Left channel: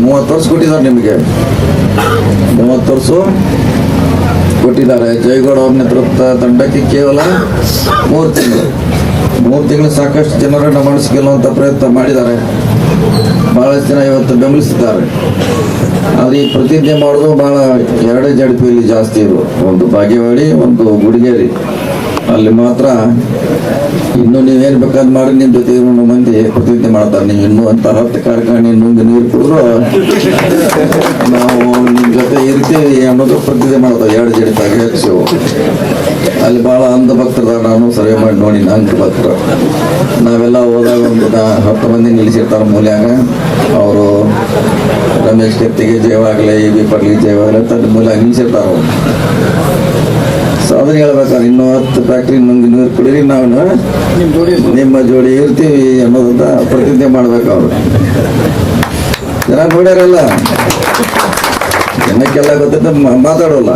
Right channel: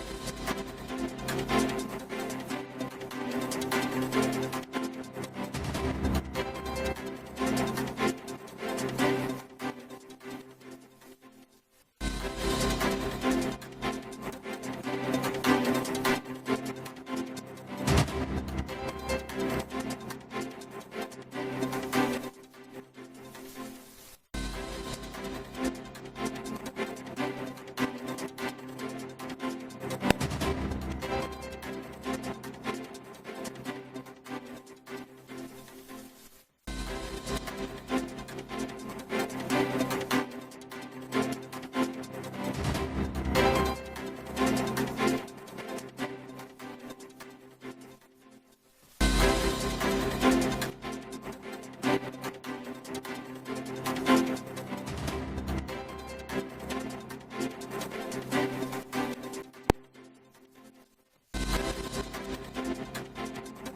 ಮೂವತ್ತು ವರ್ಷ ಕೊಟ್ಟಿದ್ದಾರೆ ನಿಮಗೆ. ಮೂವತ್ತು ವರ್ಷ ಕೊಟ್ಟಿದ್ದಾರೆ. ಜಯಗೌಡ ಅವ್ರ ನೇತೃತ್ವ ತಂಡಕ್ಕೆ ಕೇವಲ ಮೂರು ತಿಂಗಳು. ಮೂರು ತಿಂಗಳು ಸಾಕಷ್ಟು ಜನರನ್ನು ಮನಸ್ಸು ಪ್ರಯತ್ನ ಮಾಡಿದ್ದಾರೆ. ಭಾಳಷ್ಟು ಜನ ಇವತ್ತು ಬೆಂಬಲಿಸಿದ್ದಾರೆ. ಆದರೆ ಈ ಪ್ರತಿಜ್ಞೆ ಮಾಡೋದು ಭಾಳ ಎರಡೇ ಜಡಪಿಯಲ್ಲಿ ಜಾಸ್ತಿ ಇರು ಒಂದು ಬಾಗೇವಾಡಿ ಒಂದು ಗುಡಿಗೇರಿ. ಅಲ್ಲಿ ಮಾತ್ರ ಇನ್ನು ನೀವೇನು ಬೇಕಾದ್ ಮಾಡಿ ನಿಮ್ಮ ಜೊತೆ ಮಂದಿ ಪ್ರತಿನಿಧಿ ಮಾಡ್ತಾರೆ. ನೀವು ಇನ್ನು ಅಂತ ಹತ್ತು ಕಾರ್ಖಾನೆ ಇನ್ನೊಂದು ನೀರು ಕುಡಿದ್ರು ನಾವು ನಿಮ್ಮ ಜೊತೆ ಇರ್ತೀವಿ ಅನ್ನೋದು ಪ್ರತಿನಿಧಿ ಮಾಡ್ತಾರೆ ಎರಡು ಜಡಿತಾಗ ಹೆಚ್ಚು. ಅಲ್ಲಿ ಭಾಳ ಅಂಧ ಭಕ್ತರ ನಾನು ಸರ್ವೆ ಮಾಡಿ ನೋಡಿ ಅಂಧ ಭಕ್ತರು. ನಾವೆಲ್ಲ ಹೋದಾಗ ಒಂದು ಹತ್ತು ಮಂದಿ ನಿಲ್ಲಿಸಿರ್ತಾರೆ ಮೂಲ್ಯಾಗ. ಅವರು ರಮೇಶ್ ಕೆತ್ತಿಗೆ ಜಯವಾಗಲಿ, ಎ ಬಿ ಪಡ್ಲಿ ಜಯವಾಗಲಿ ಅಂತ ಮೂಲ್ಯಾಗ ನಿಲ್ಲಿಸಿರ್ತಾರೆ ಅವ್ರು. ಸೊ ಅದನ್ನ ಹೇಳ್ಬೇಕಾದ್ರೆ ಇನ್ನೂ ಹತ್ತು ಫ್ಯಾಕ್ಟ್ರಿ ನೀರು ಕುಡೀರಿ ನಾವು ನಿಮ್ಮ ಜೋಡಿ ಇರ್ತೀವಿ ಅನ್ನೋದನ್ನ ಪ್ರತಿಜ್ಞೆ ಮಾಡ್ಬೇಕು ಅವರು. ಜನ ನೋಡ್ಯಾರಲ್ಲ? ಜನಕ್ಕೆಲ್ಲ ಗೊತ್ತಿದ್ದ ಮಾತಾಡೋಲ್ಲ.